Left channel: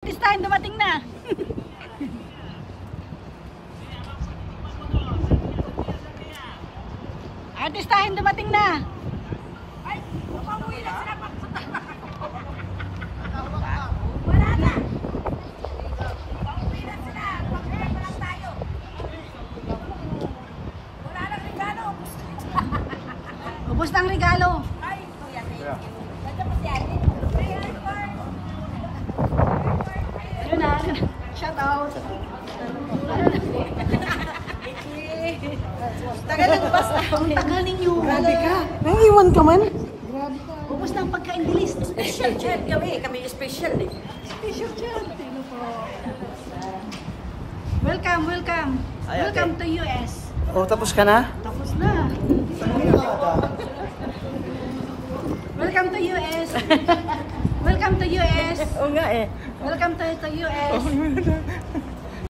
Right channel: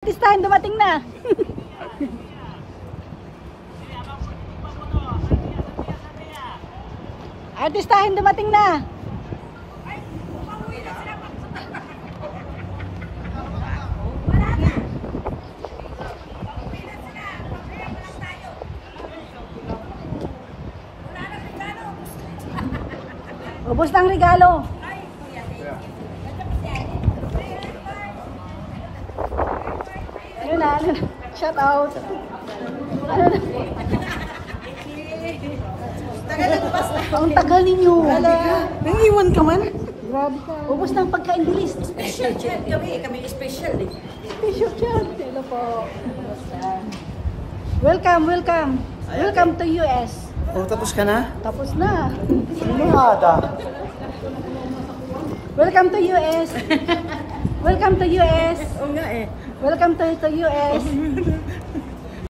Artistahin dumating na. Artistahin dumating na. Ay, umuwi na sila magpunta. Wala na. Umuwi na sila. Pagkaya pa lang tayo. Wala nang regalo. Ubus ng regalo. Ay, kuya, thank you. Ganda pa si ate. Ano na? Shout out. Tagal na basta. Ang tagal ninyo. Grabe ka. Nangiwan ka man? Grabe ka. Ubus ng pagkain bilis. Special chat kami. Kami special eh. Special chat. Ano po? Welcome, welcome. Welcome to US. Oh, tapos ka na? Tapos na. Nada. Welcome to US. Welcome to US. Oo nga eh. Welcome to US.